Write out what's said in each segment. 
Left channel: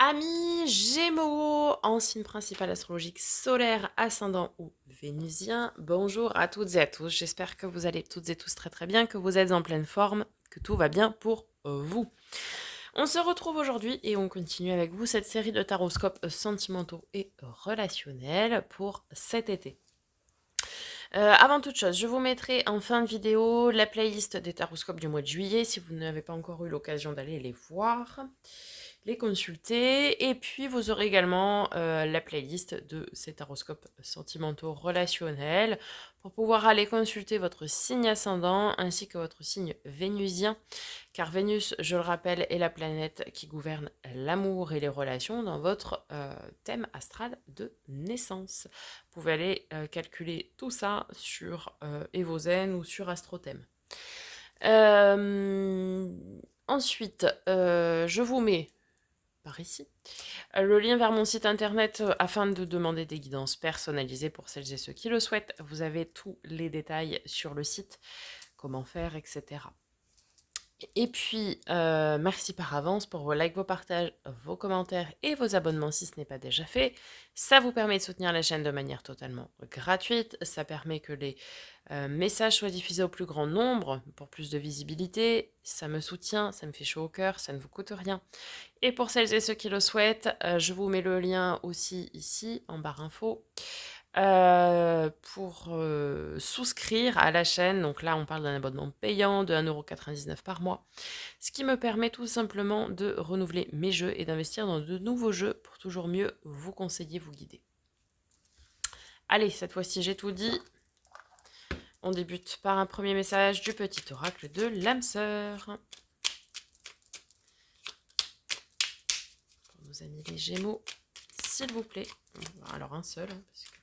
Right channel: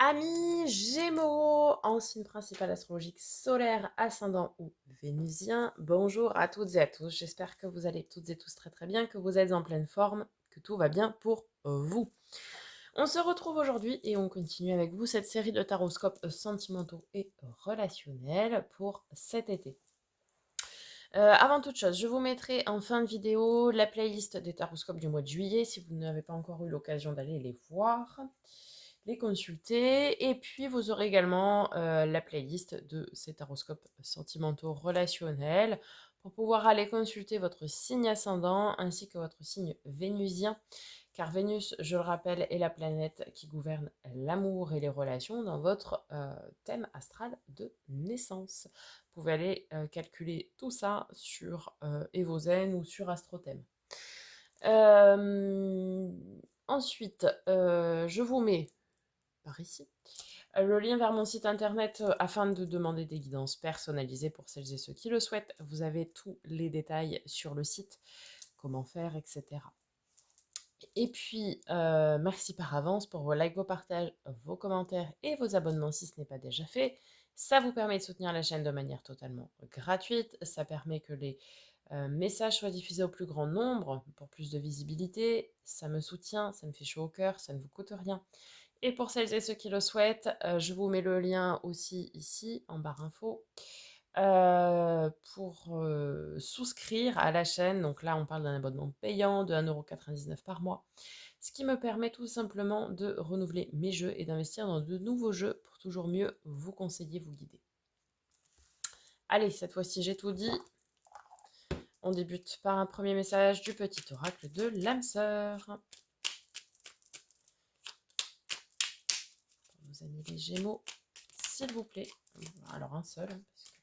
Amis Gémeaux, en signe principal astrologique solaire, ascendant ou vénusien, bonjour à toutes et à tous. J'espère que vous allez toutes et tous très très bien, que vous êtes en pleine forme, que tout va bien pour vous. On se retrouve aujourd'hui et on continue avec vous cette série de taroscopes sentimentaux et relationnels pour cet été. Avant toute chose, je vous mettrai en fin de vidéo la playlist des taroscopes du mois de juillet si vous n'avez pas encore eu l'occasion d'aller les voir, les consulter. Et puis vous aurez également la playlist de ces taroscopes sentimentaux relationnels pour pouvoir aller consulter votre signe ascendant ainsi que votre signe vénusien. Car Vénus, je le rappelle, est la planète qui gouverne l'amour et les relations dans votre thème astral de naissance. Vous pouvez aller calculer tout ça sur Evozen ou sur AstroThème. Euh, Ensuite, je vous mets par ici le lien vers mon site internet afin de demander des guidances personnalisées pour celles et ceux qui le souhaitent. Vous avez tous les détails sur le site, comment faire, etc. Et puis, merci par avance pour vos likes, vos partages, vos commentaires et vos abonnements si ce n'est pas déjà fait. Ça vous permet de soutenir la chaîne de manière totalement gratuite. Ça permet que les messages soient diffusés au plus grand nombre pour plus de visibilité. Ça me soutient, ça me fait chaud au cœur, ça ne vous coûte rien. Et pour celles et ceux qui le souhaitent, je vous mets le lien aussi ici en barre info pour souscrire à la chaîne. Donc là, on parle d'un abonnement payant de 1,99 € par mois, ce qui me permet tout simplement de renouveler mes jeux et d'investir dans de nouveaux jeux pour toujours mieux vous conseiller, vous guider. Allez, cette fois-ci, j'ai tout dit. On débute par un premier message du petit oracle de l'âme sœur. Pour nos amis les Gémeaux, s'il vous plaît. Alors un seul, parce que...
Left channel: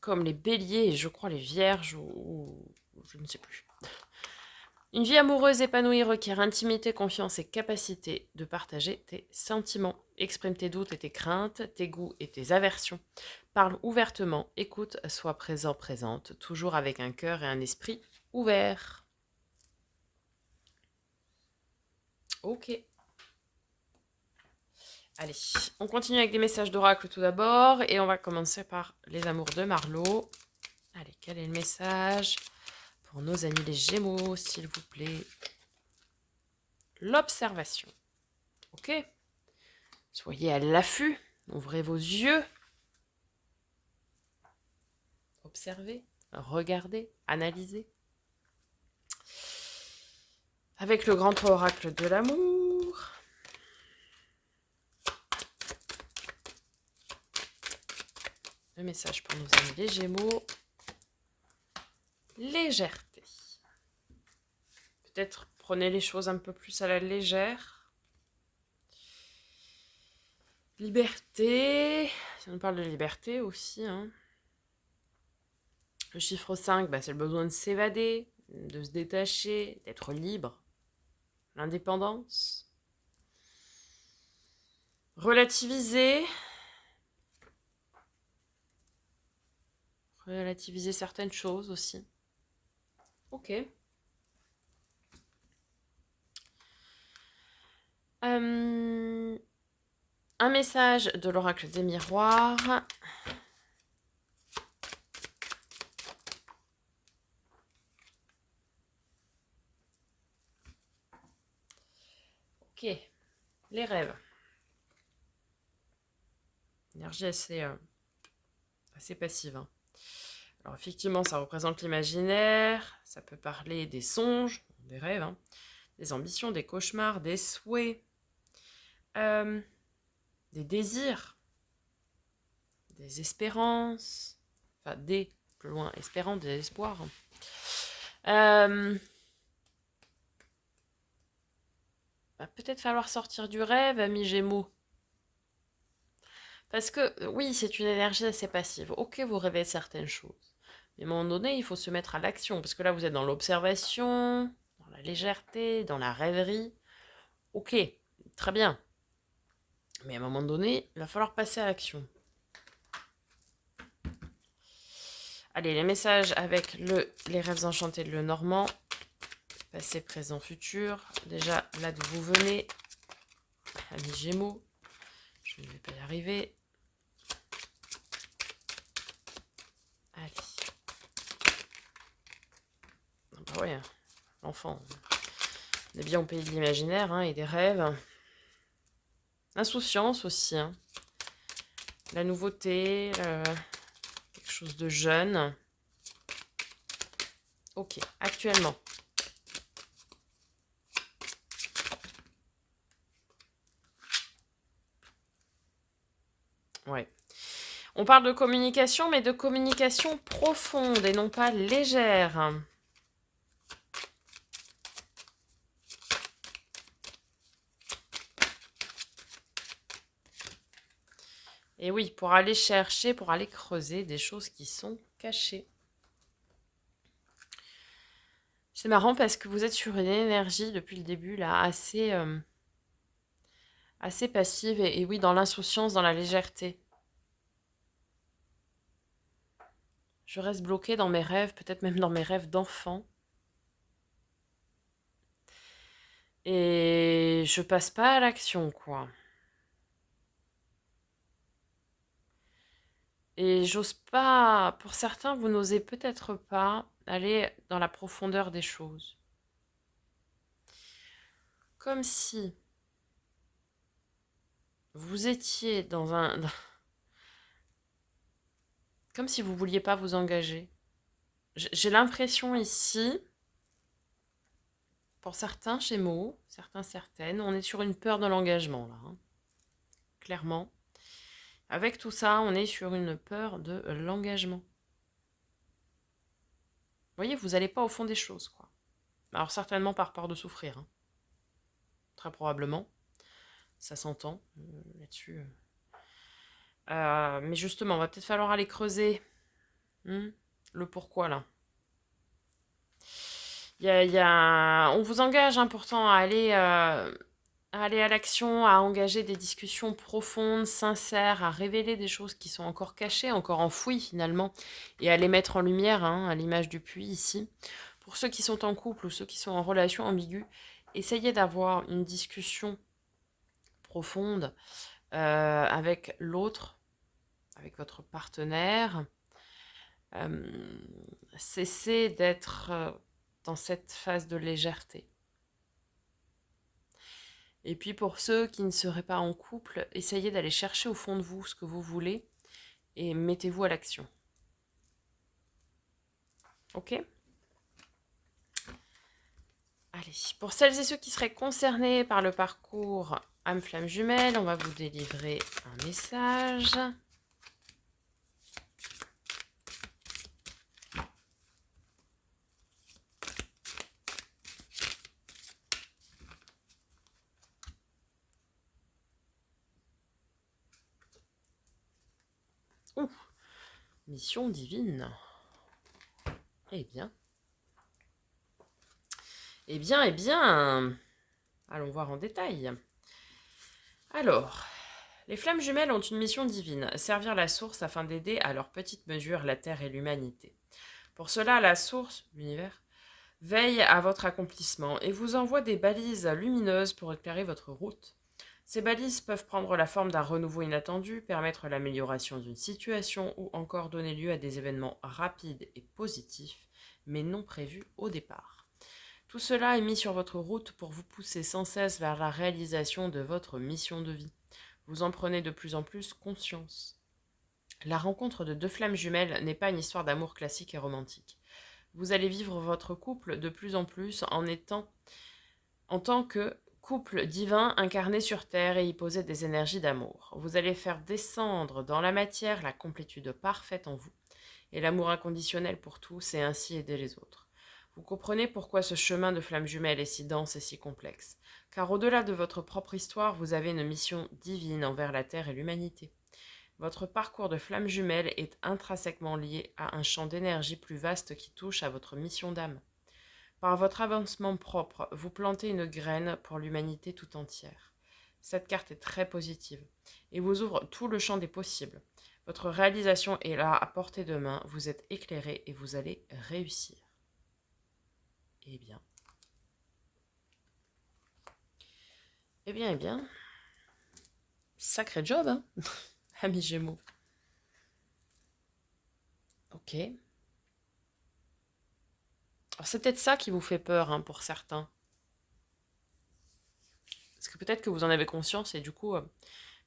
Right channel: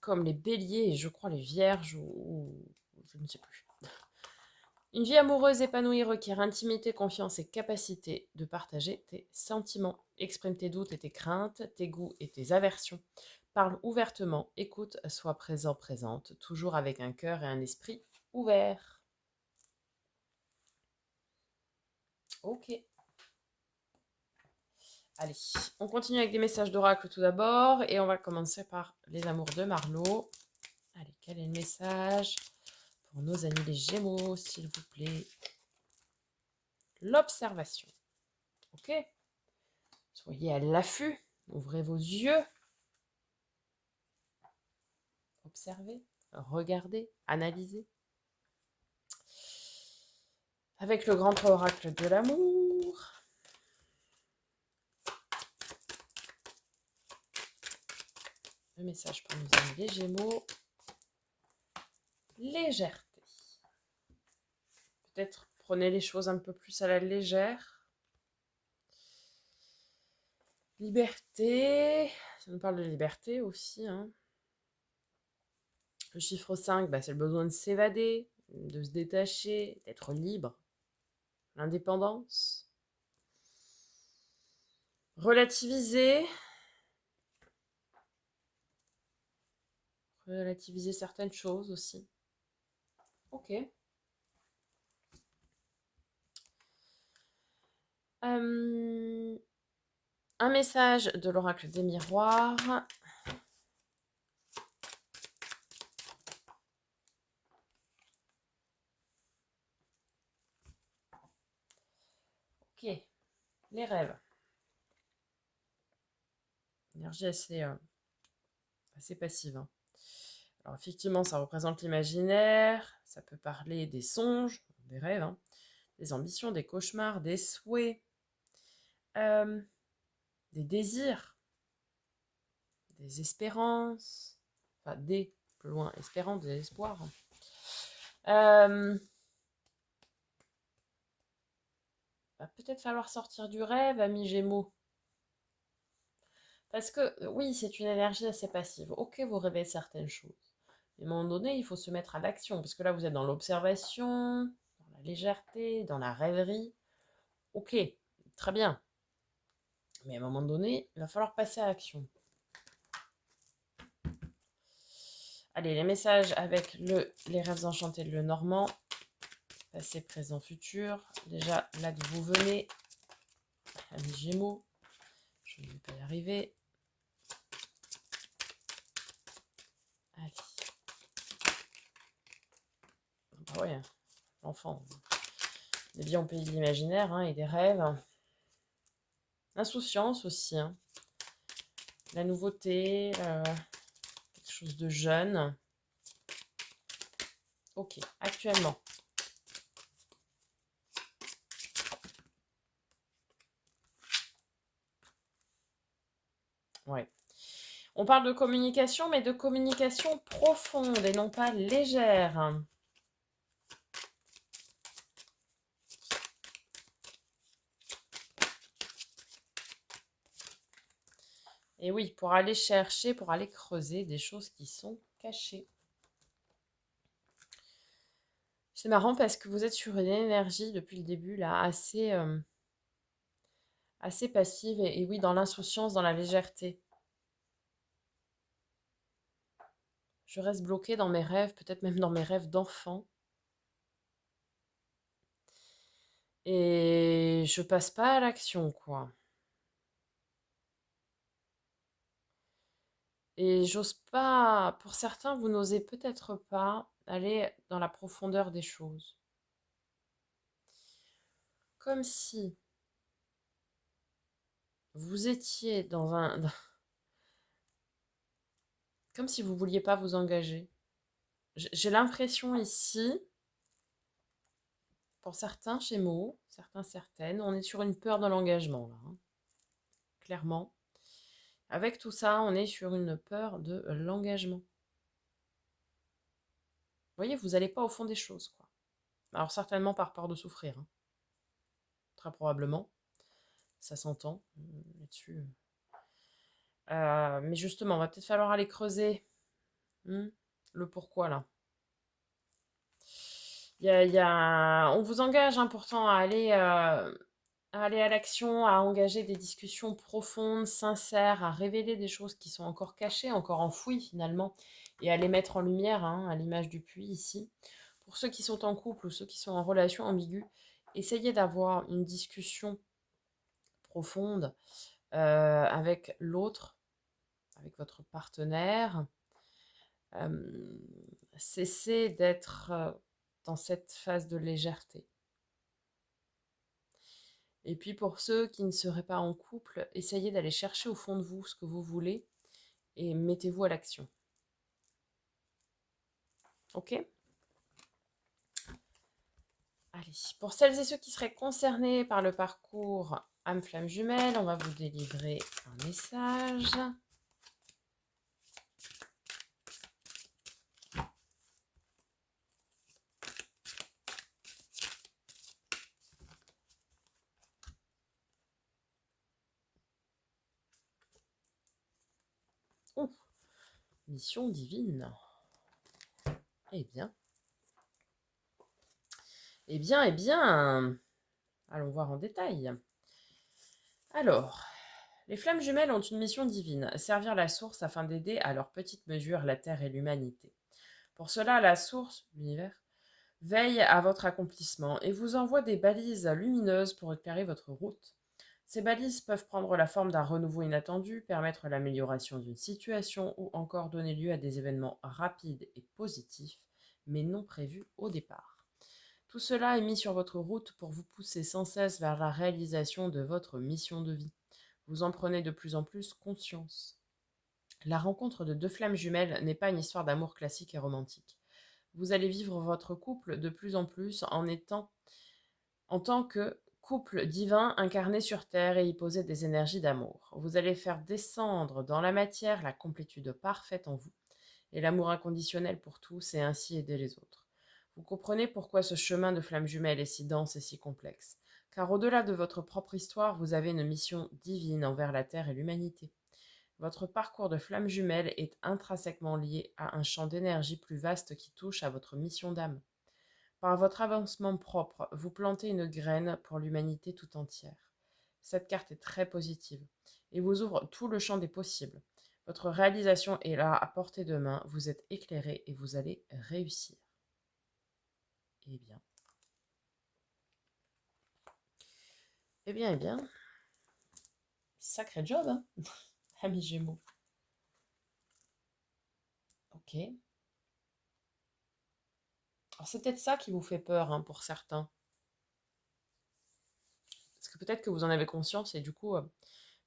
comme les béliers et je crois les vierges ou je ne sais plus. Une vie amoureuse épanouie requiert intimité, confiance et capacité de partager tes sentiments. Exprime tes doutes et tes craintes, tes goûts et tes aversions. Parle ouvertement, écoute, sois présent, présente, toujours avec un cœur et un esprit ouverts. Ok. Allez, on continue avec des messages d'oracle tout d'abord et on va commencer par les amours de Marlo. Allez, quel est le message pour nos amis les Gémeaux, s'il vous plaît? L'observation. Ok. Soyez à l'affût, ouvrez vos yeux. Observez, regardez, analysez. Avec le grand oracle de l'amour. Le message pour nos amis les Gémeaux. Légèreté. Peut-être prenez les choses un peu plus à la légère. Liberté. Si on parle de liberté aussi. Le chiffre 5, c'est le besoin de s'évader, de se détacher, d'être libre. L'indépendance. Relativiser. Relativiser certaines choses aussi. Ok. Un message de l'oracle des miroirs. Ok. Les rêves. Énergie assez passive. Alors effectivement, ça représente l'imaginaire. Ça peut parler des songes, des rêves, des ambitions, des cauchemars, des souhaits, des désirs, des espérances. Enfin, des, plus loin, espérant, des espoirs. Va peut-être falloir sortir du rêve, ami Gémeaux. Parce que oui, c'est une énergie assez passive. Ok, vous rêvez certaines choses. Mais à un moment donné, il faut se mettre à l'action. Parce que là, vous êtes dans l'observation, dans la légèreté, dans la rêverie. Ok, très bien. Mais à un moment donné, il va falloir passer à l'action. Allez, les messages avec les rêves enchantés de Le Normand. Passé, présent, futur. Déjà, là d'où vous venez. Amis Gémeaux. Je ne vais pas y arriver. Allez. Ah bah ouais, l'enfant. On est bien au pays de l'imaginaire hein, et des rêves. Insouciance aussi. Hein. La nouveauté, quelque chose de jeune. Ok, actuellement. Ouais. On parle de communication, mais de communication profonde et non pas légère. Et oui, pour aller chercher, pour aller creuser des choses qui sont cachées. C'est marrant parce que vous êtes sur une énergie depuis le début, là, assez passive et oui, dans l'insouciance, dans la légèreté. Je reste bloquée dans mes rêves, peut-être même dans mes rêves d'enfant. Et je passe pas à l'action, quoi. Et j'ose pas, pour certains, vous n'osez peut-être pas aller dans la profondeur des choses. Comme si vous étiez comme si vous vouliez pas vous engager. J'ai l'impression ici, pour certains Gémeaux, certaines, on est sur une peur de l'engagement, là, hein, clairement. Avec tout ça, on est sur une peur de l'engagement. Vous voyez, vous n'allez pas au fond des choses, quoi. Alors certainement par peur de souffrir, hein. Très probablement. Ça s'entend là-dessus. Mais justement, va peut-être falloir aller creuser le pourquoi, là. On vous engage hein, pourtant à aller à l'action, à engager des discussions profondes, sincères, à révéler des choses qui sont encore cachées, encore enfouies finalement, et à les mettre en lumière, hein, à l'image du puits ici. Pour ceux qui sont en couple ou ceux qui sont en relation ambiguë, essayez d'avoir une discussion profonde avec l'autre, avec votre partenaire. Cessez d'être dans cette phase de légèreté. Et puis pour ceux qui ne seraient pas en couple, essayez d'aller chercher au fond de vous ce que vous voulez et mettez-vous à l'action. Ok ? Allez, pour celles et ceux qui seraient concernés par le parcours âme flamme jumelle, on va vous délivrer un message. Ouh, mission divine. Eh bien. Eh bien, eh bien. Allons voir en détail. Alors, les flammes jumelles ont une mission divine, servir la source afin d'aider à leur petite mesure la Terre et l'humanité. Pour cela, la source, l'univers, veille à votre accomplissement et vous envoie des balises lumineuses pour éclairer votre route. Ces balises peuvent prendre la forme d'un renouveau inattendu, permettre l'amélioration d'une situation ou encore donner lieu à des événements rapides et positifs, mais non prévus au départ. Tout cela est mis sur votre route pour vous pousser sans cesse vers la réalisation de votre mission de vie. Vous en prenez de plus en plus conscience. La rencontre de deux flammes jumelles n'est pas une histoire d'amour classique et romantique. Vous allez vivre votre couple de plus en plus en tant que couple divin incarné sur Terre et y poser des énergies d'amour. Vous allez faire descendre dans la matière la complétude parfaite en vous et l'amour inconditionnel pour tous et ainsi aider les autres. Vous comprenez pourquoi ce chemin de flamme jumelle est si dense et si complexe. Car au-delà de votre propre histoire, vous avez une mission divine envers la Terre et l'humanité. Votre parcours de flamme jumelle est intrinsèquement lié à un champ d'énergie plus vaste qui touche à votre mission d'âme. Par votre avancement propre, vous plantez une graine pour l'humanité tout entière. Cette carte est très positive et vous ouvre tout le champ des possibles. Votre réalisation est là à portée de main, vous êtes éclairé et vous allez réussir. Eh bien. Eh bien. Sacré job, hein, amis Gémeaux. Ok. C'est peut-être ça qui vous fait peur, hein, pour certains. Parce que peut-être que vous en avez conscience et du coup,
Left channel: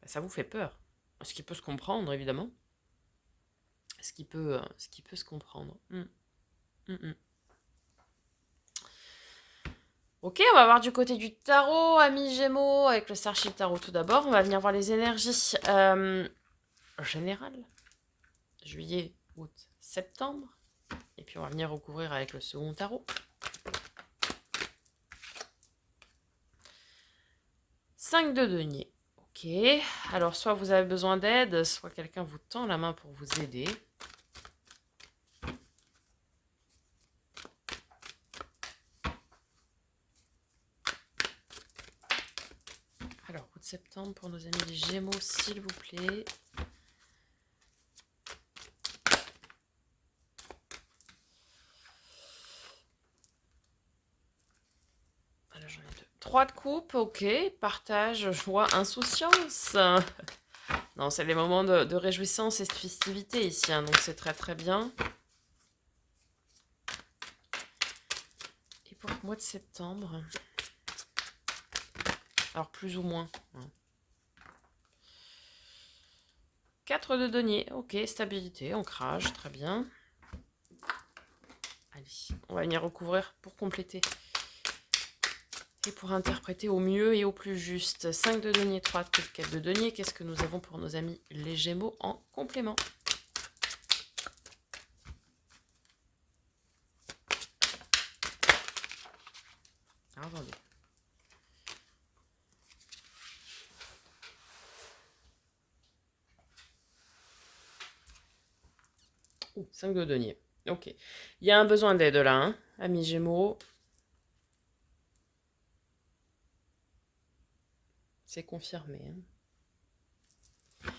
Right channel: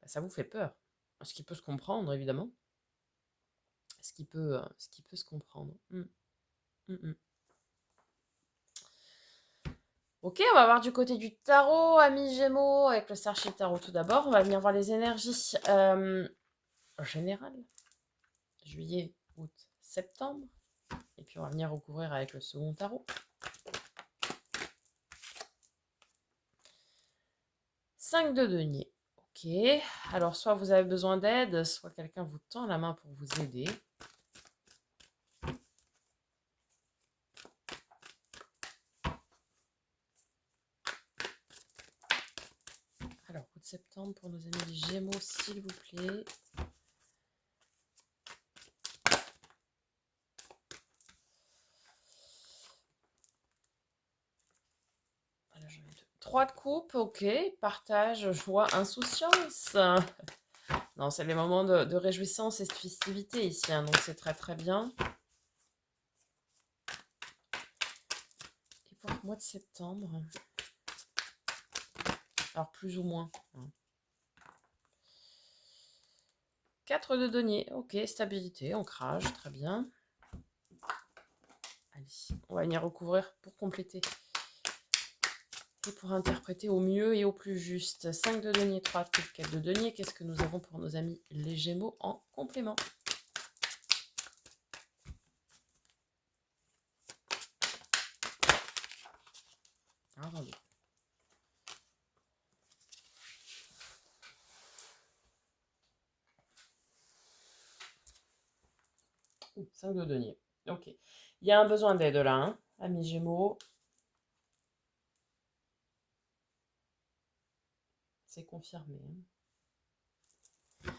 ça vous fait peur. Ce qui peut se comprendre, évidemment. Ce qui peut se comprendre. Ok, on va voir du côté du tarot, amis Gémeaux, avec le Starship Tarot tout d'abord. On va venir voir les énergies générales. Juillet, août, septembre. Et puis on va venir recouvrir avec le second tarot. 5 de denier. Ok, alors soit vous avez besoin d'aide, soit quelqu'un vous tend la main pour vous aider. Alors, août septembre pour nos amis les Gémeaux, s'il vous plaît. Alors, j'en ai 2. 3 de coupe, ok. Partage, joie, insouciance. Non, c'est les moments de réjouissance et de festivité ici, hein, donc c'est très très bien. Et pour le mois de septembre, alors plus ou moins. 4 de denier, ok, stabilité, ancrage, très bien. Allez, on va venir recouvrir pour compléter. Et pour interpréter au mieux et au plus juste. 5 de denier, 3 de coupe, 4 de denier. Qu'est-ce que nous avons pour nos amis les Gémeaux en complément? Alors, attendez. 5 de denier. Ok. Il y a un besoin d'aide là, hein, amis Gémeaux. C'est confirmé. Hein.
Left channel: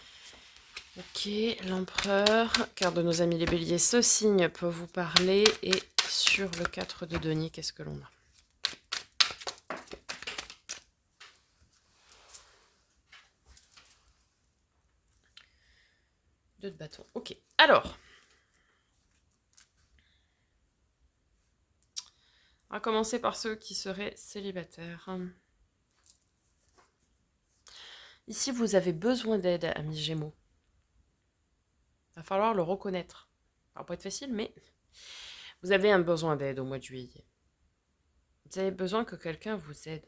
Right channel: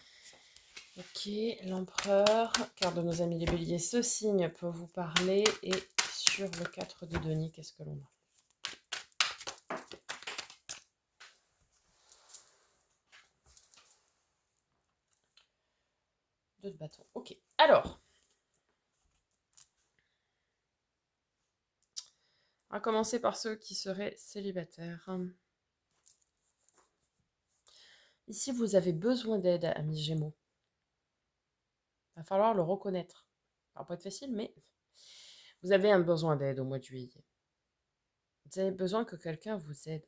Ok, l'empereur. Carte de nos amis les béliers. Ce signe peut vous parler. Et sur le 4 de denier, qu'est-ce que l'on a? 2 de bâton. Ok. Alors. On va commencer par ceux qui seraient célibataires. Ici, vous avez besoin d'aide, amis Gémeaux. Il va falloir le reconnaître. Ça va pas être facile, mais vous avez un besoin d'aide au mois de juillet. Vous avez besoin que quelqu'un vous aide.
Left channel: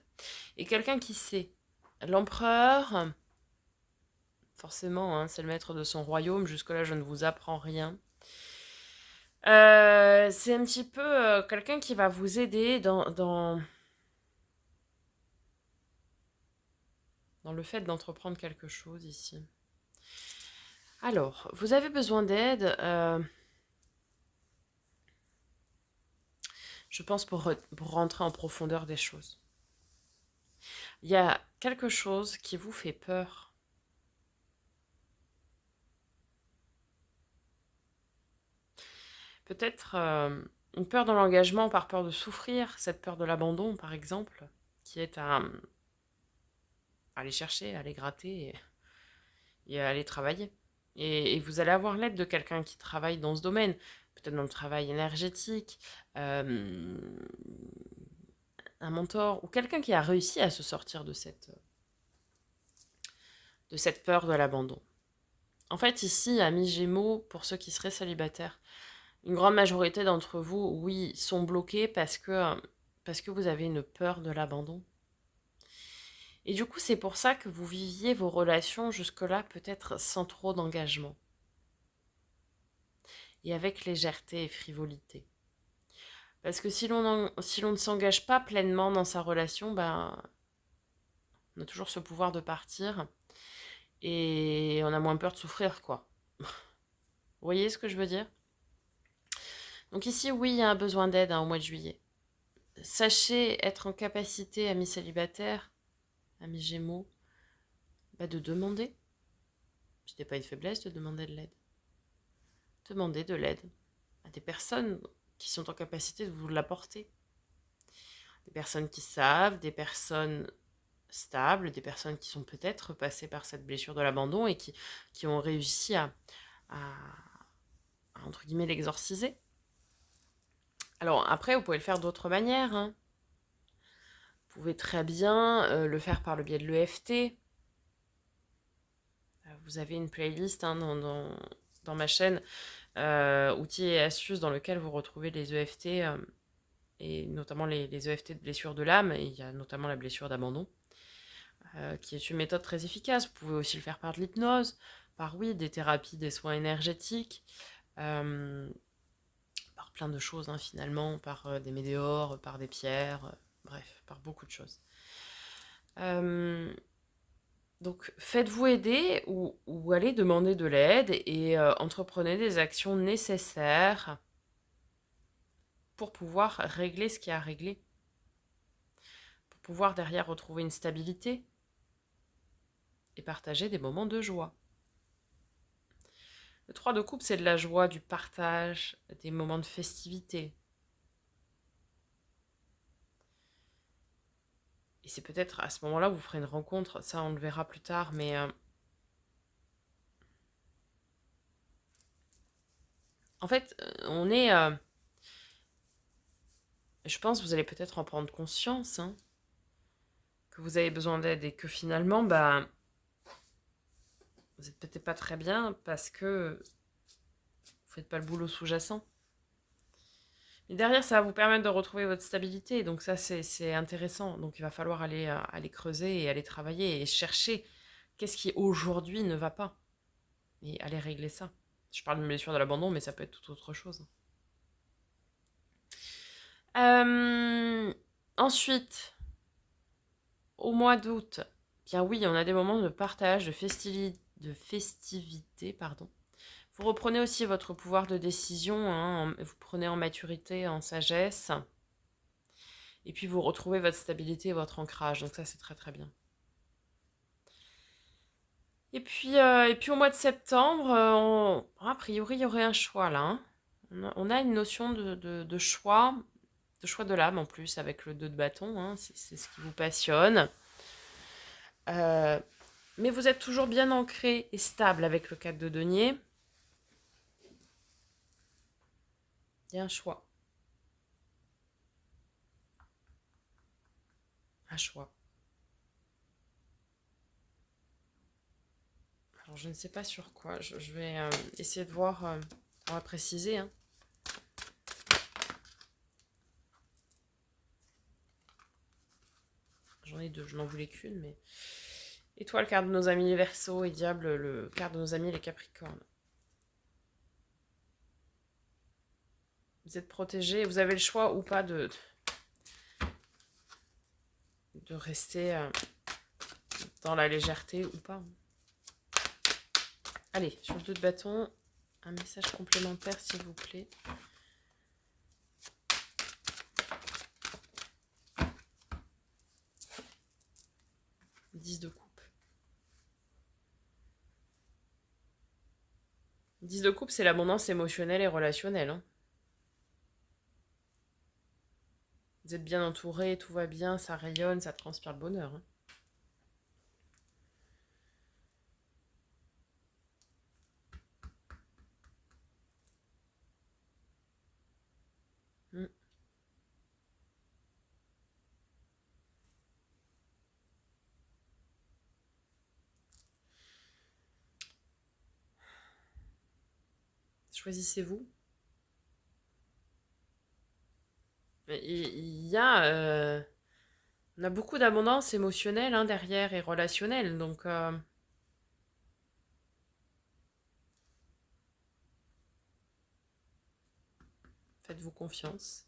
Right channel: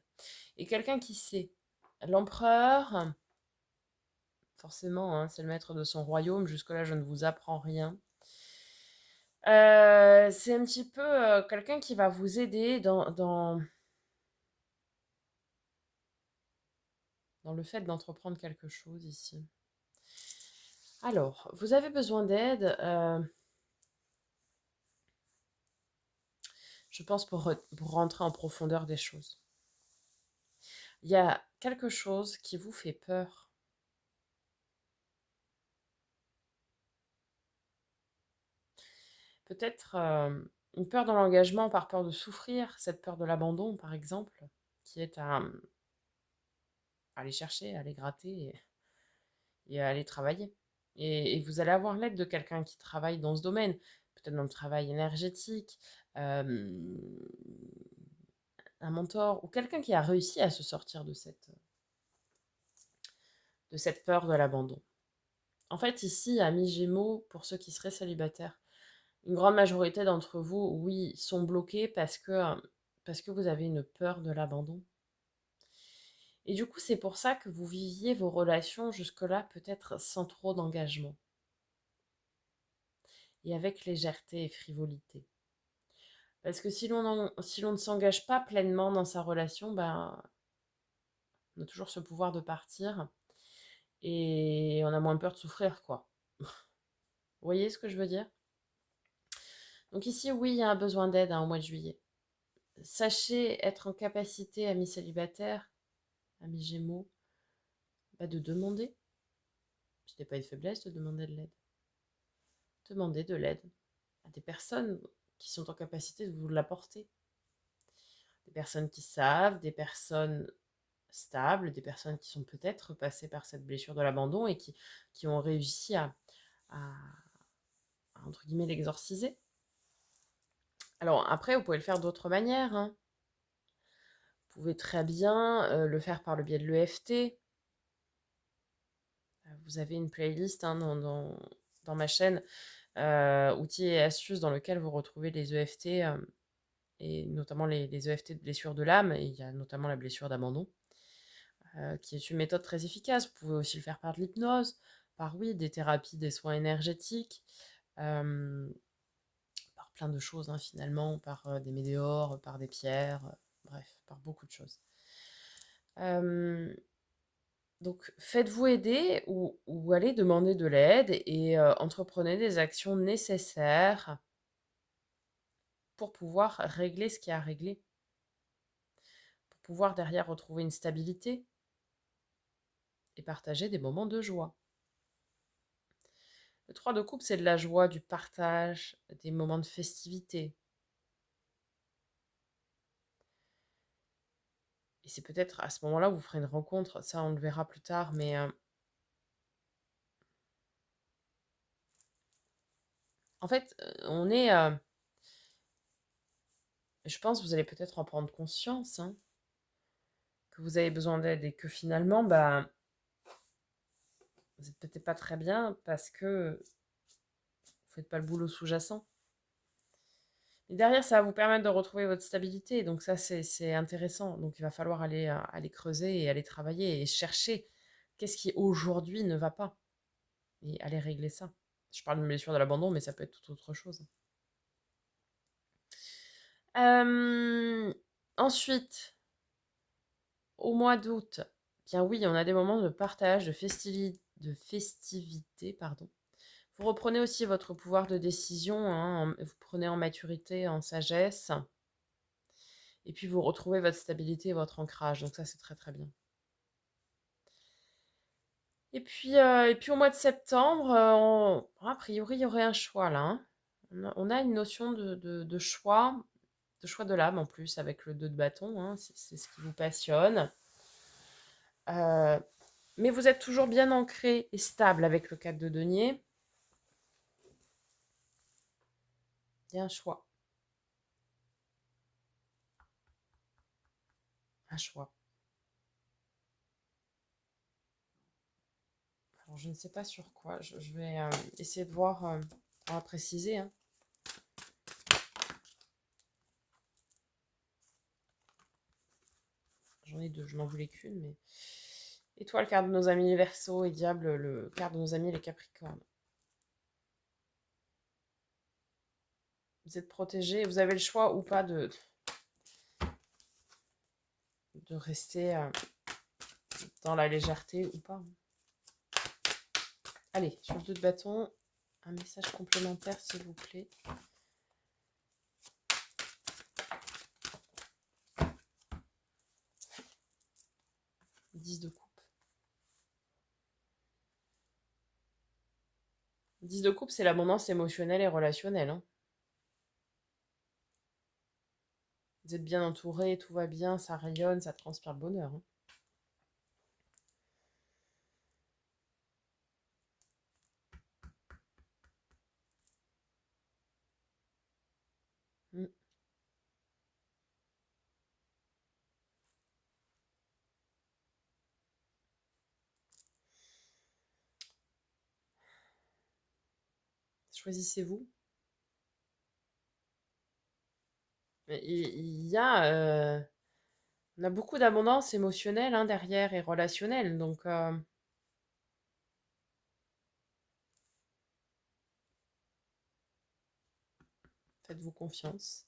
Et quelqu'un qui sait. L'empereur, forcément, hein, c'est le maître de son royaume. Jusque-là, je ne vous apprends rien. C'est un petit peu quelqu'un qui va vous aider dans le fait d'entreprendre quelque chose ici. Alors, vous avez besoin d'aide, je pense, pour rentrer en profondeur des choses. Il y a quelque chose qui vous fait peur. Peut-être une peur de l'engagement par peur de souffrir, cette peur de l'abandon, par exemple, qui est à aller chercher, à aller gratter et à aller travailler. Et vous allez avoir l'aide de quelqu'un qui travaille dans ce domaine, peut-être dans le travail énergétique, un mentor, ou quelqu'un qui a réussi à se sortir de cette peur de l'abandon. En fait, ici, amis Gémeaux, pour ceux qui seraient célibataires, une grande majorité d'entre vous, oui, sont bloqués parce que vous avez une peur de l'abandon. Et du coup, c'est pour ça que vous viviez vos relations jusque-là peut-être sans trop d'engagement. Et avec légèreté et frivolité. Parce que si l'on ne s'engage pas pleinement dans sa relation, ben, on a toujours ce pouvoir de partir. Et on a moins peur de souffrir, quoi. Vous voyez ce que je veux dire? Donc ici, oui, il y a un besoin d'aide, hein, au mois de juillet. Sachez être en capacité, amis célibataires, amis Gémeaux, de demander. Ce n'est pas une faiblesse de demander de l'aide. Demandez de l'aide à des personnes qui sont en capacité de vous l'apporter. Des personnes qui savent, des personnes stables, des personnes qui sont peut-être passées par cette blessure de l'abandon et qui ont réussi à, entre guillemets, l'exorciser. Alors après, vous pouvez le faire d'autres manières, hein. Vous pouvez très bien le faire par le biais de l'EFT. Vous avez une playlist hein, dans ma chaîne, outils et astuces, dans lequel vous retrouvez les EFT, et notamment les EFT de blessure de l'âme, et il y a notamment la blessure d'abandon, qui est une méthode très efficace. Vous pouvez aussi le faire par de l'hypnose, par des thérapies, des soins énergétiques, par plein de choses hein, finalement, par des météores, par des pierres, bref, par beaucoup de choses. Donc faites-vous aider ou allez demander de l'aide et entreprenez des actions nécessaires pour pouvoir régler ce qui a à régler, pour pouvoir derrière retrouver une stabilité et partager des moments de joie. Le 3 de coupe, c'est de la joie, du partage, des moments de festivité. Et c'est peut-être à ce moment-là où vous ferez une rencontre, ça on le verra plus tard, mais en fait, je pense que vous allez peut-être en prendre conscience, hein, que vous avez besoin d'aide et que finalement, vous n'êtes peut-être pas très bien parce que vous faites pas le boulot sous-jacent. Et derrière, ça va vous permettre de retrouver votre stabilité. Donc ça, c'est intéressant. Donc il va falloir aller creuser et aller travailler et chercher qu'est-ce qui aujourd'hui ne va pas. Et aller régler ça. Je parle de blessure de l'abandon, mais ça peut être tout autre chose. Ensuite, au mois d'août, bien oui, on a des moments de partage, de festivité, pardon. Vous reprenez aussi votre pouvoir de décision, hein, vous prenez en maturité, en sagesse, et puis vous retrouvez votre stabilité et votre ancrage, donc ça c'est très très bien. Et puis au mois de septembre, a priori il y aurait un choix là, hein. On a une notion de choix de l'âme en plus, avec le 2 de bâton, hein, c'est ce qui vous passionne. Mais vous êtes toujours bien ancré et stable avec le 4 de denier. Il y a un choix. Un choix. Alors, je ne sais pas sur quoi. Je vais essayer de voir. On va préciser. Hein. J'en ai deux. Je n'en voulais qu'une. Mais... Étoile, carte de nos amis les Verseaux. Et Diable, le carte de nos amis les Capricornes. Vous êtes protégés. Vous avez le choix ou pas de rester dans la légèreté ou pas. Allez, sur le 2 de bâton, un message complémentaire, s'il vous plaît. « 10 de coupe. 10 de coupe, c'est l'abondance émotionnelle et relationnelle. Hein. Vous êtes bien entouré, tout va bien, ça rayonne, ça transpire le bonheur. Hein. Mm. Choisissez-vous. On a beaucoup d'abondance émotionnelle hein, derrière et relationnelle, donc faites-vous confiance.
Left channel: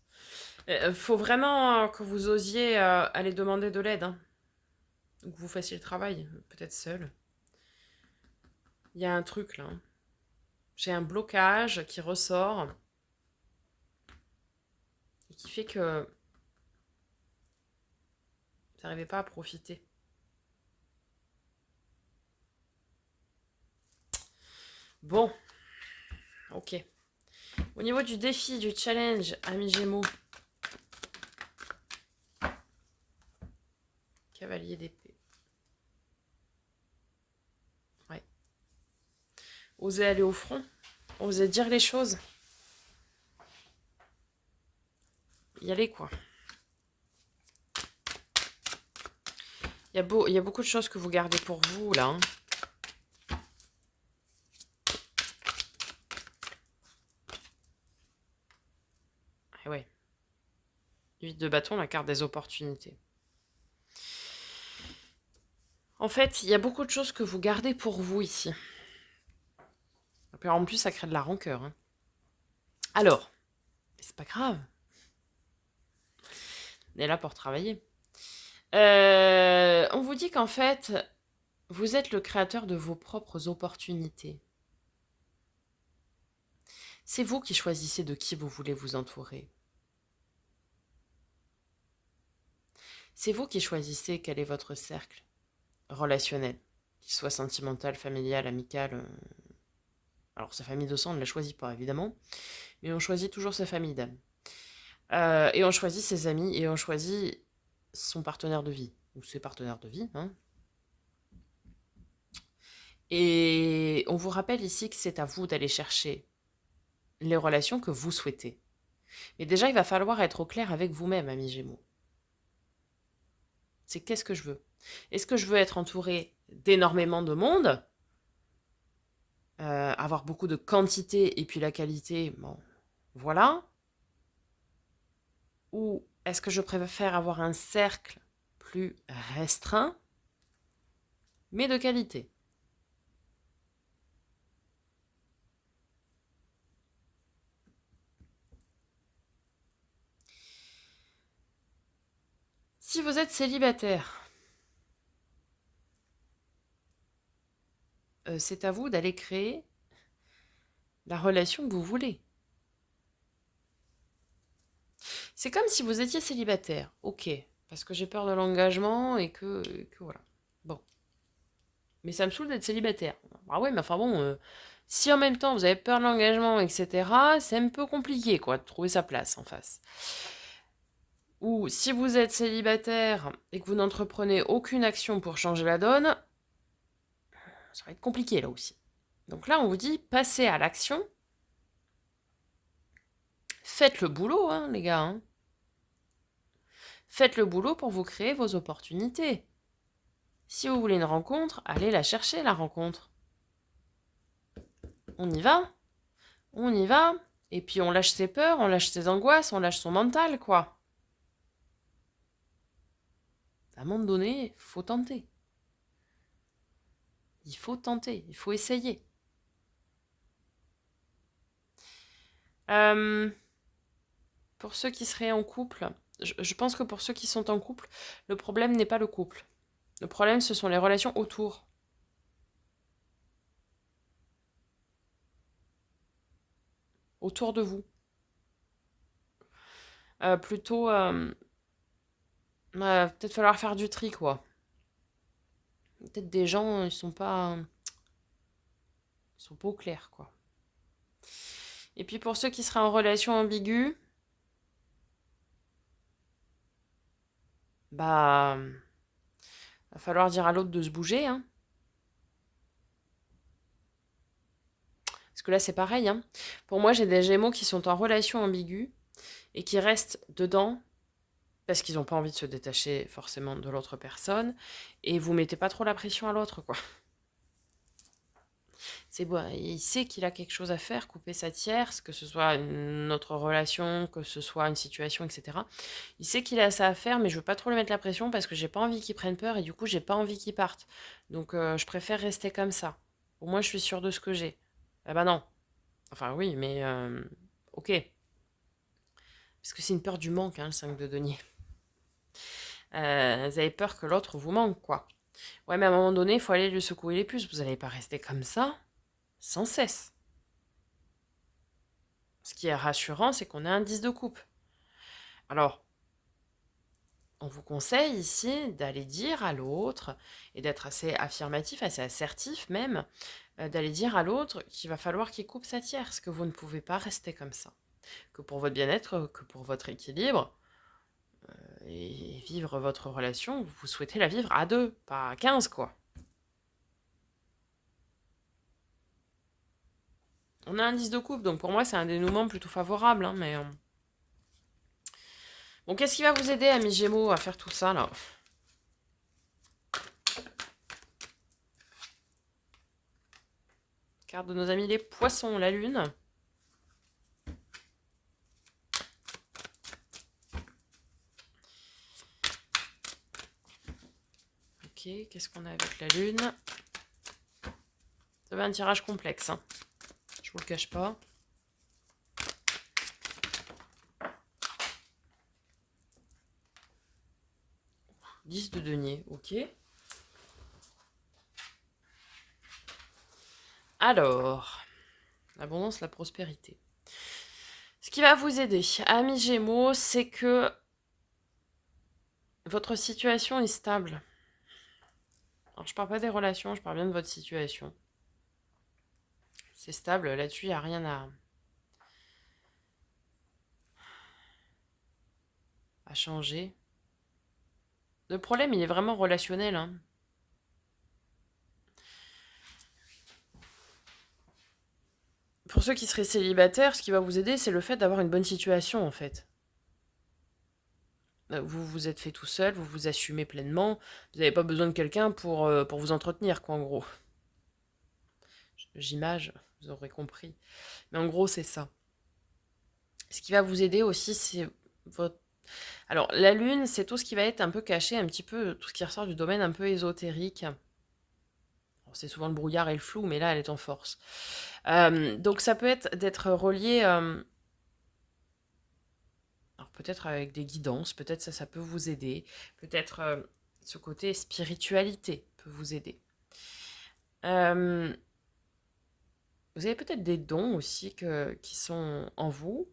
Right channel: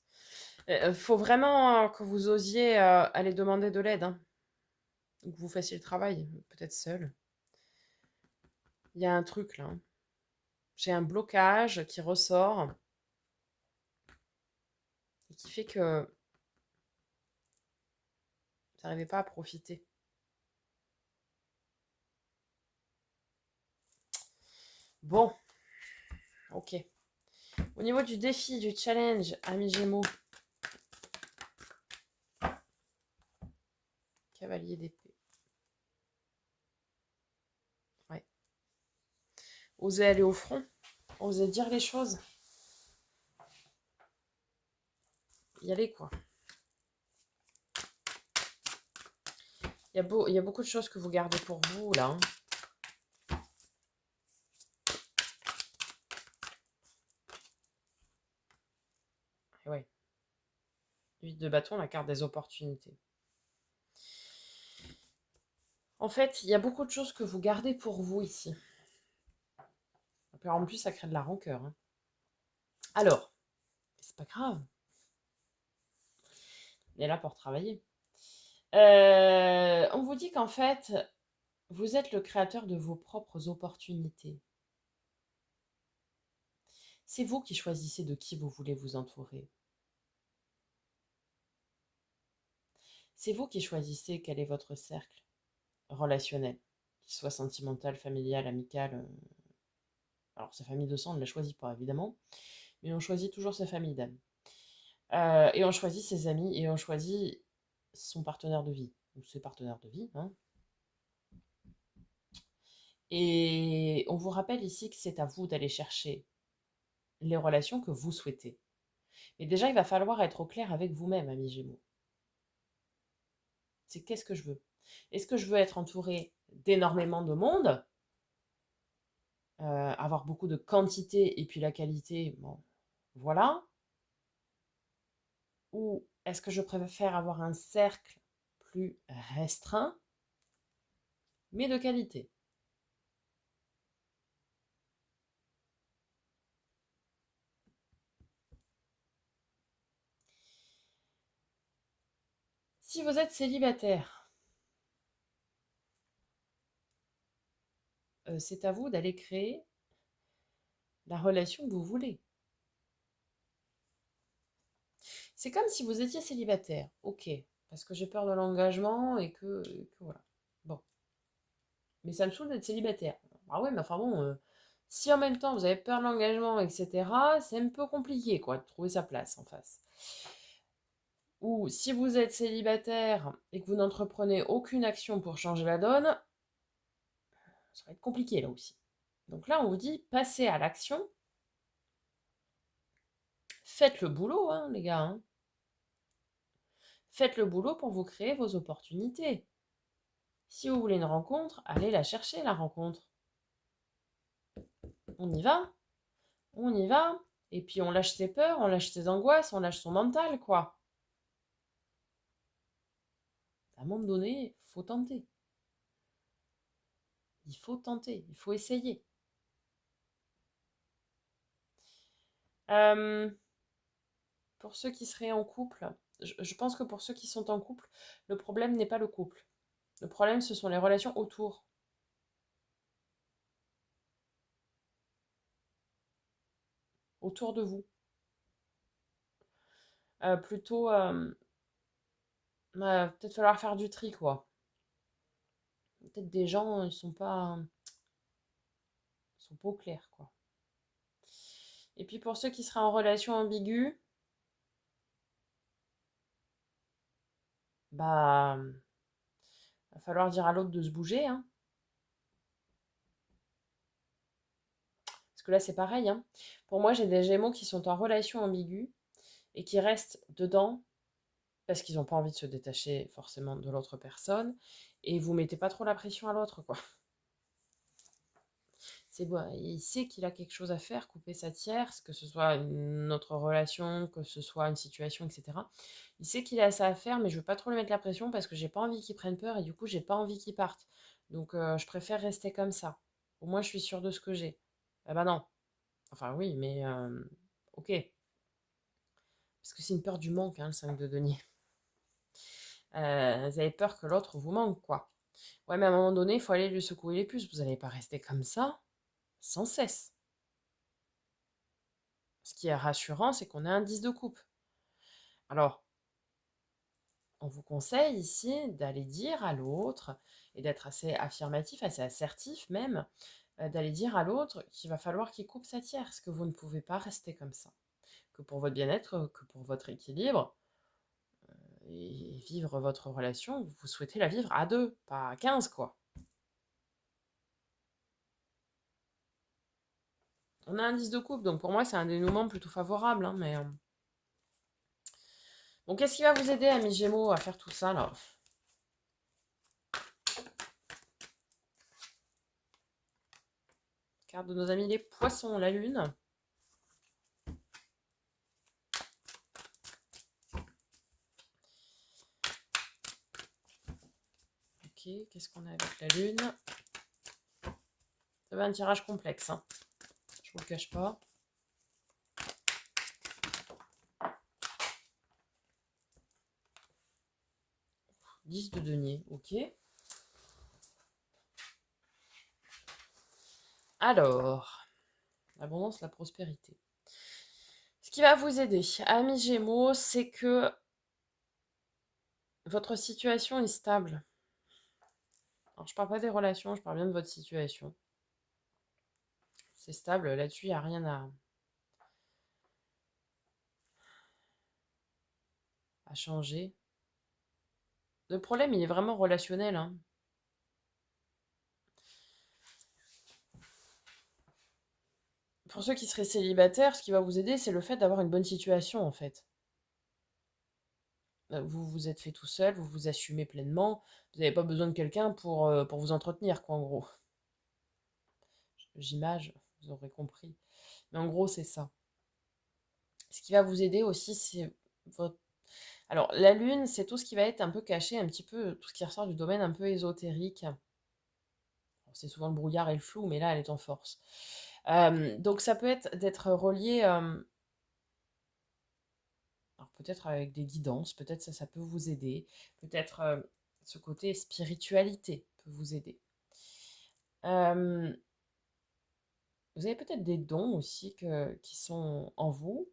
Il faut vraiment que vous osiez aller demander de l'aide, hein, ou que vous fassiez le travail, peut-être seul. Il y a un truc là. Hein. J'ai un blocage qui ressort et qui fait que vous n'arrivez pas à profiter. Bon, ok. Au niveau du défi, du challenge, amis Gémeaux, cavalier d'épée. Ouais. Osez aller au front, osez dire les choses. Y aller, quoi. Il y a beaucoup de choses que vous gardez pour vous, là. Hein. Et ouais. 8 de bâton, la carte des opportunités. En fait, il y a beaucoup de choses que vous gardez pour vous ici. Et puis en plus, ça crée de la rancœur. Hein. Alors, c'est pas grave. On est là pour travailler. On vous dit qu'en fait, vous êtes le créateur de vos propres opportunités. C'est vous qui choisissez de qui vous voulez vous entourer. C'est vous qui choisissez quel est votre cercle relationnel, qu'il soit sentimental, familial, amical. Alors, sa famille de sang, on ne la choisit pas, évidemment, mais on choisit toujours sa famille d'âme. Et on choisit ses amis, et on choisit son partenaire de vie, ou ses partenaires de vie. Hein. Et on vous rappelle ici que c'est à vous d'aller chercher les relations que vous souhaitez. Mais déjà, il va falloir être au clair avec vous-même, amis Gémeaux. C'est qu'est-ce que je veux? Est-ce que je veux être entouré d'énormément de monde, avoir beaucoup de quantité et puis la qualité, bon, voilà. Ou est-ce que je préfère avoir un cercle plus restreint, mais de qualité? Si vous êtes célibataire, c'est à vous d'aller créer la relation que vous voulez. C'est comme si vous étiez célibataire, ok, parce que j'ai peur de l'engagement et que voilà. Bon, mais ça me saoule d'être célibataire. Ah ouais, mais enfin bon, si en même temps vous avez peur de l'engagement, etc., c'est un peu compliqué, quoi, de trouver sa place en face. Ou si vous êtes célibataire et que vous n'entreprenez aucune action pour changer la donne, ça va être compliqué là aussi. Donc là, on vous dit, passez à l'action. Faites le boulot, hein, les gars. Hein. Faites le boulot pour vous créer vos opportunités. Si vous voulez une rencontre, allez la chercher, la rencontre. On y va. On y va. Et puis on lâche ses peurs, on lâche ses angoisses, on lâche son mental, quoi. À un moment donné, il faut tenter. Il faut tenter, il faut essayer. Pour ceux qui seraient en couple, je pense que pour ceux qui sont en couple, le problème n'est pas le couple. Le problème, ce sont les relations autour. Autour de vous. Plutôt, peut-être falloir faire du tri, quoi. Peut-être des gens, ils sont pas au clair, quoi. Et puis pour ceux qui seraient en relation ambiguë, bah, va falloir dire à l'autre de se bouger, hein. Parce que là, c'est pareil, hein. Pour moi, j'ai des Gémeaux qui sont en relation ambiguë et qui restent dedans parce qu'ils n'ont pas envie de se détacher forcément de l'autre personne. Et vous mettez pas trop la pression à l'autre, quoi. C'est bon, il sait qu'il a quelque chose à faire, couper sa tierce, que ce soit notre relation, que ce soit une situation, etc. Il sait qu'il a ça à faire, mais je veux pas trop lui mettre la pression parce que j'ai pas envie qu'il prenne peur et du coup j'ai pas envie qu'il parte. Donc je préfère rester comme ça. Au moins je suis sûre de ce que j'ai. Ah bah non. Enfin oui, mais ok. Parce que c'est une peur du manque, hein, le 5 de denier. Vous avez peur que l'autre vous manque, quoi. Ouais, mais à un moment donné, il faut aller lui secouer les puces. Vous n'allez pas rester comme ça sans cesse. Ce qui est rassurant, c'est qu'on a un 10 de coupe. Alors, on vous conseille ici d'aller dire à l'autre, et d'être assez affirmatif, assez assertif même, d'aller dire à l'autre qu'il va falloir qu'il coupe sa tierce, que vous ne pouvez pas rester comme ça. Que pour votre bien-être, que pour votre équilibre, et vivre votre relation, vous souhaitez la vivre à deux, pas à 15 quoi. On a un 10 de coupe, donc pour moi c'est un dénouement plutôt favorable, hein, mais... Bon, qu'est-ce qui va vous aider, amis Gémeaux, à faire tout ça, là? Carte de nos amis les Poissons, la Lune. Ok, qu'est-ce qu'on a avec la Lune? Ça va un tirage complexe, hein. Je vous le cache pas. « 10 de denier, ok. Alors, l'abondance, la prospérité. Ce qui va vous aider, amis Gémeaux, c'est que votre situation est stable. Alors, je parle pas des relations, je parle bien de votre situation. C'est stable, là-dessus, il n'y a rien à changer. Le problème, il est vraiment relationnel, hein. Pour ceux qui seraient célibataires, ce qui va vous aider, c'est le fait d'avoir une bonne situation, en fait. Vous vous êtes fait tout seul, vous vous assumez pleinement, vous n'avez pas besoin de quelqu'un pour vous entretenir, quoi, en gros. J'image, vous aurez compris. Mais en gros, c'est ça. Ce qui va vous aider aussi, c'est votre... Alors, la lune, c'est tout ce qui va être un peu caché, un petit peu, tout ce qui ressort du domaine un peu ésotérique. C'est souvent le brouillard et le flou, mais là, elle est en force. Donc, ça peut être d'être relié... alors, peut-être avec des guidances, peut-être ça peut vous aider. Peut-être ce côté spiritualité peut vous aider. Vous avez peut-être des dons aussi qui sont en vous.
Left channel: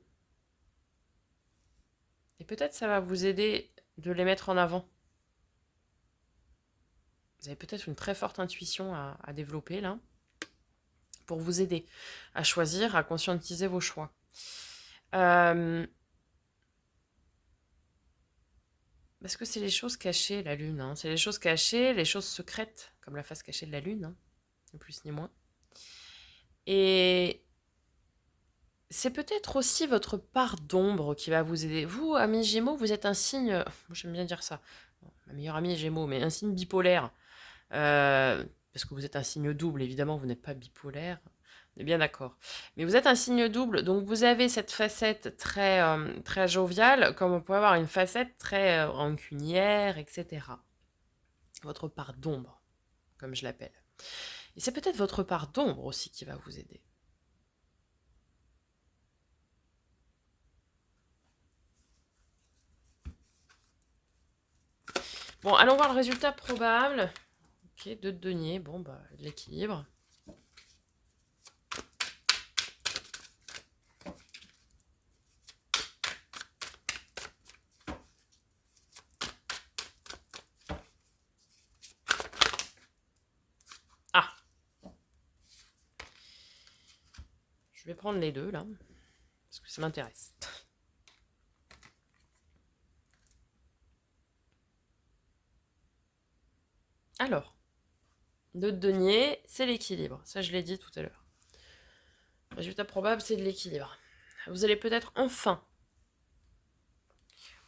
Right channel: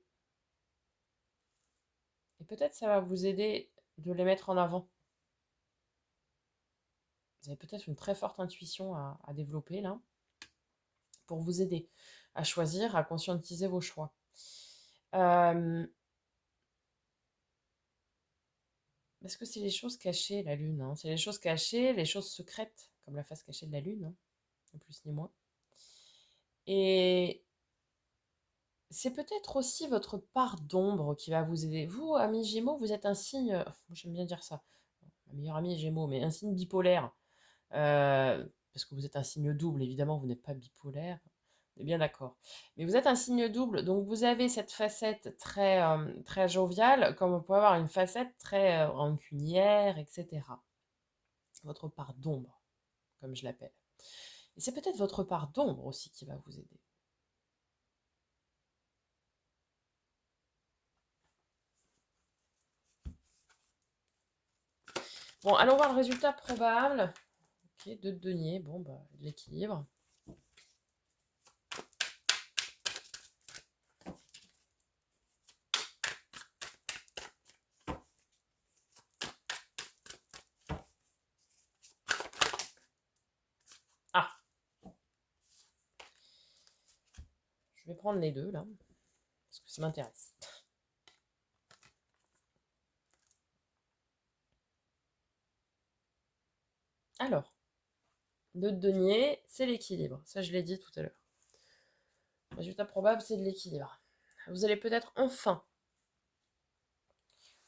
Et peut-être ça va vous aider de les mettre en avant. Vous avez peut-être une très forte intuition à développer là, pour vous aider à choisir, à conscientiser vos choix. Parce que c'est les choses cachées, la lune. Hein. C'est les choses cachées, les choses secrètes, comme la face cachée de la lune, hein, ni plus ni moins. Et c'est peut-être aussi votre part d'ombre qui va vous aider. Vous, amis Gémeaux, vous êtes un signe, j'aime bien dire ça, ma meilleure amie est Gémeaux, mais un signe bipolaire. Parce que vous êtes un signe double, évidemment, vous n'êtes pas bipolaire, on est bien d'accord. Mais vous êtes un signe double, donc vous avez cette facette très, très joviale, comme on peut avoir une facette très rancunière, etc. Votre part d'ombre, comme je l'appelle. Et c'est peut-être votre part d'ombre aussi qui va vous aider. Bon, allons voir le résultat probable. Ok, 2 de denier, bon, bah, l'équilibre. Ah, je vais prendre les deux, là, parce que ça m'intéresse. Alors, 2 de denier, c'est l'équilibre. Ça, je l'ai dit tout à l'heure. Résultat probable, c'est de l'équilibre. Vous allez peut-être enfin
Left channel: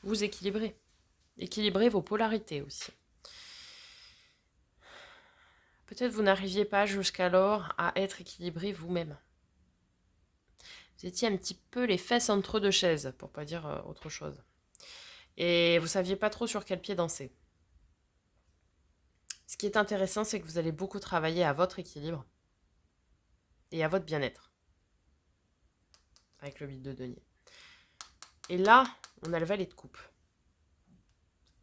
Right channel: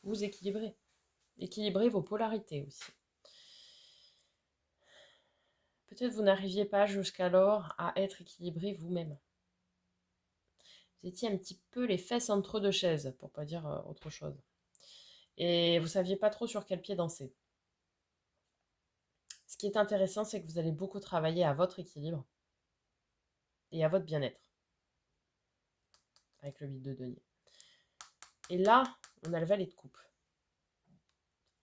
vous équilibrer. Équilibrer vos polarités aussi. Peut-être vous n'arriviez pas jusqu'alors à être équilibré vous-même. Vous étiez un petit peu les fesses entre deux chaises, pour pas dire autre chose. Et vous saviez pas trop sur quel pied danser. Ce qui est intéressant, c'est que vous allez beaucoup travailler à votre équilibre et à votre bien-être. Avec le 8 de denier. Et là, on a le valet de coupe.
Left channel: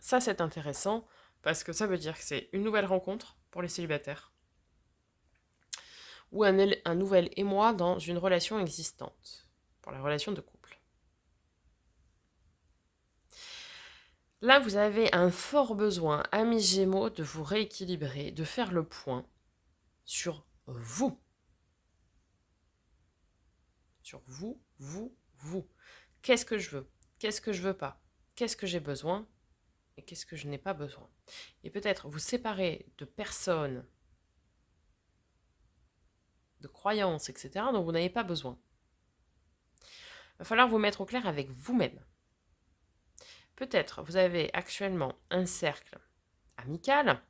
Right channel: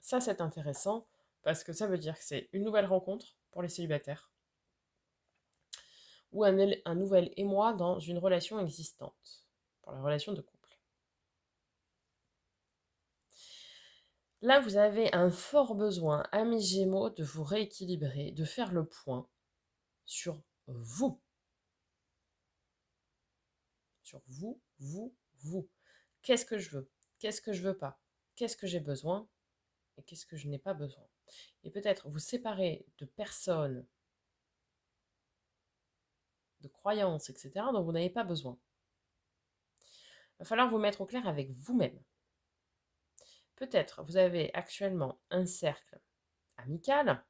Ça, c'est intéressant parce que ça veut dire que c'est une nouvelle rencontre pour les célibataires ou un nouvel émoi dans une relation existante, pour la relation de couple. Là, vous avez un fort besoin, amis Gémeaux, de vous rééquilibrer, de faire le point sur vous. Sur vous, vous, vous. Qu'est-ce que je veux? Qu'est-ce que je veux pas? Qu'est-ce que j'ai besoin? Et qu'est-ce que je n'ai pas besoin? Et peut-être vous séparer de personnes, de croyances, etc., dont vous n'avez pas besoin. Il va falloir vous mettre au clair avec vous-même. Peut-être vous avez actuellement un cercle amical,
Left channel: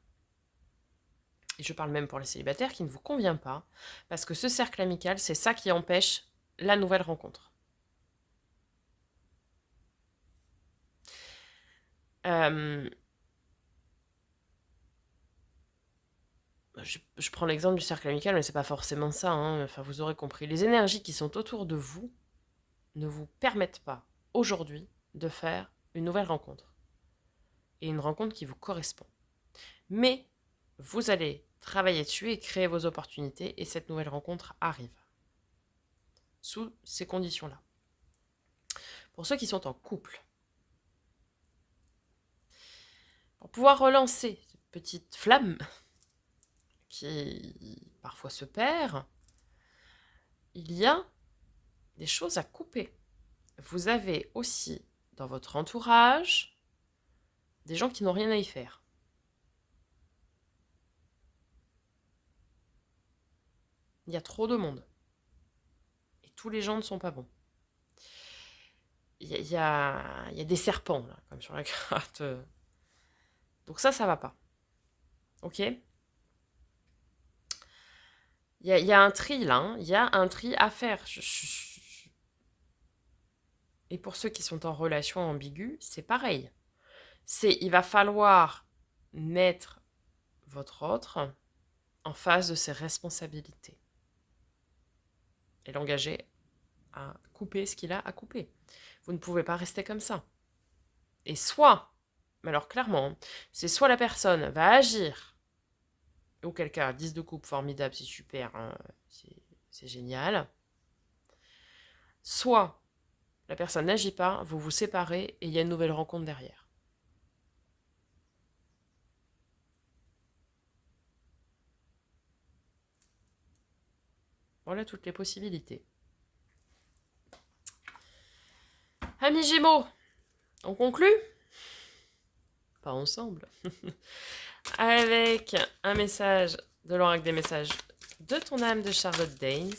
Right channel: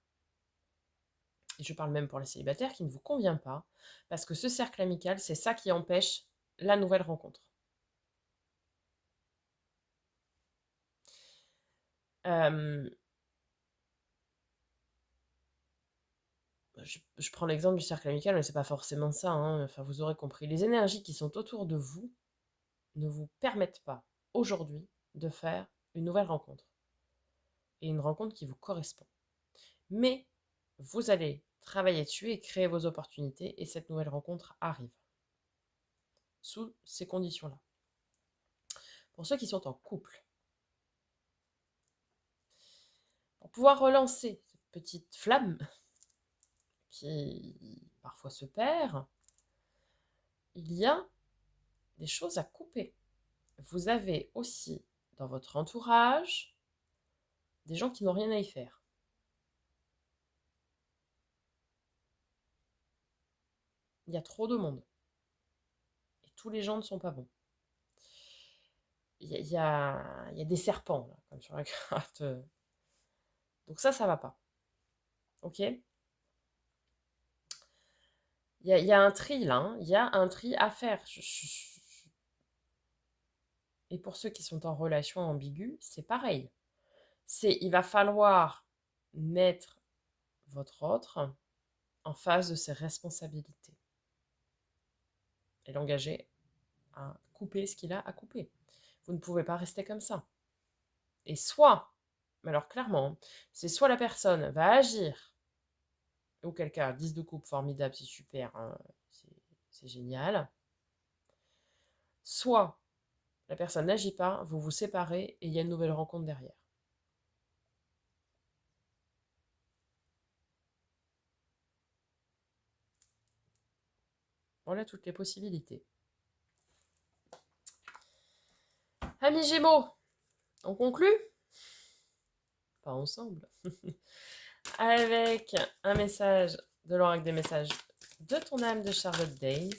et je parle même pour les célibataires, qui ne vous convient pas, parce que ce cercle amical, c'est ça qui empêche la nouvelle rencontre. Je prends l'exemple du cercle amical, mais c'est pas forcément ça, hein. Enfin, vous aurez compris. Les énergies qui sont autour de vous ne vous permettent pas aujourd'hui de faire une nouvelle rencontre. Et une rencontre qui vous correspond. Mais vous allez travailler dessus et créer vos opportunités, et cette nouvelle rencontre arrive. Sous ces conditions-là. Pour ceux qui sont en couple, pour pouvoir relancer cette petite flamme qui parfois se perd, il y a des choses à couper. Vous avez aussi dans votre entourage des gens qui n'ont rien à y faire. Il y a trop de monde. Et tous les gens ne sont pas bons. Il y a des serpents, là, comme sur la carte. Donc ça va pas. Ok? Il y a un tri, là. Hein. Il y a un tri à faire. Et pour ceux qui sont en relation ambiguë, c'est pareil. Il va falloir mettre votre autre en face de ses responsabilités. Et l'engager à couper ce qu'il a à couper. Vous ne pouvez pas rester comme ça. Et soit, mais alors clairement, c'est soit la personne va agir, auquel cas, 10 de coupe, formidable, c'est super, hein, c'est génial. Soit la personne n'agit pas, vous vous séparez et il y a une nouvelle rencontre derrière. Voilà toutes les possibilités. Amis Gémeaux, on conclut? Pas ensemble. Avec un message de l'oracle des messages de ton âme de Charlotte Danes.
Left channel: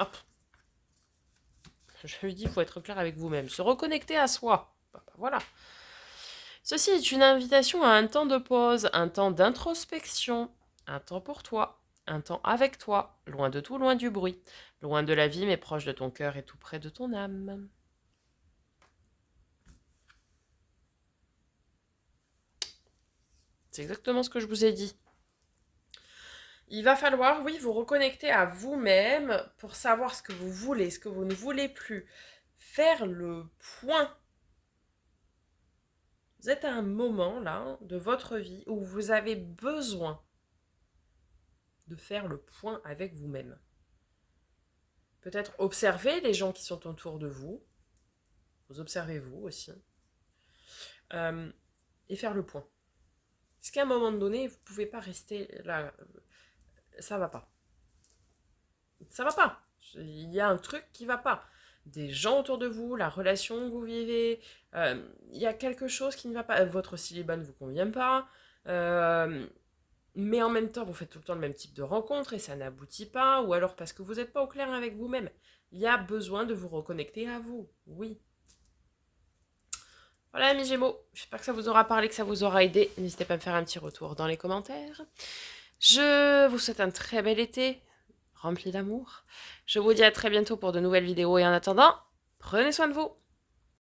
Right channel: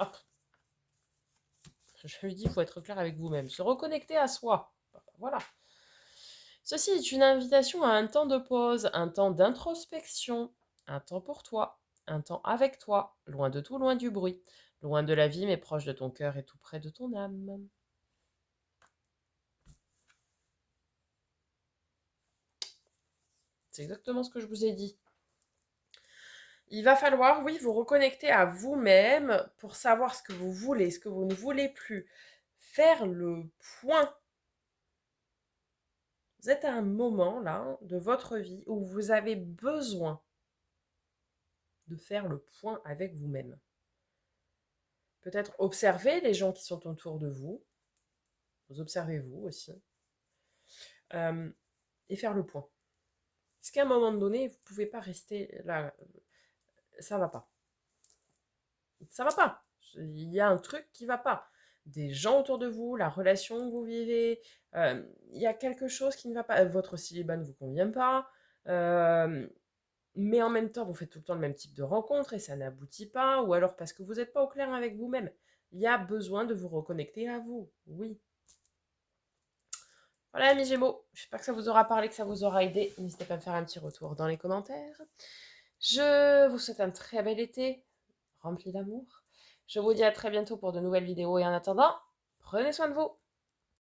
Hop. Je lui dis, il faut être clair avec vous-même. Se reconnecter à soi. Voilà. Ceci est une invitation à un temps de pause, un temps d'introspection, un temps pour toi, un temps avec toi, loin de tout, loin du bruit, loin de la vie, mais proche de ton cœur et tout près de ton âme. C'est exactement ce que je vous ai dit. Il va falloir, oui, vous reconnecter à vous-même pour savoir ce que vous voulez, ce que vous ne voulez plus. Faire le point. Vous êtes à un moment, là, de votre vie où vous avez besoin de faire le point avec vous-même. Peut-être observer les gens qui sont autour de vous. Vous observez vous aussi. Et faire le point. Parce qu'à un moment donné, vous ne pouvez pas rester là. Ça va pas. Ça va pas. Il y a un truc qui va pas. Des gens autour de vous, la relation que vous vivez, il y a quelque chose qui ne va pas. Votre célibat ne vous convient pas. Mais en même temps, vous faites tout le temps le même type de rencontre et ça n'aboutit pas. Ou alors parce que vous n'êtes pas au clair avec vous-même. Il y a besoin de vous reconnecter à vous. Oui. Voilà, mes Gémeaux. J'espère que ça vous aura parlé, que ça vous aura aidé. N'hésitez pas à me faire un petit retour dans les commentaires. Je vous souhaite un très bel été, rempli d'amour. Je vous dis à très bientôt pour de nouvelles vidéos et en attendant, prenez soin de vous.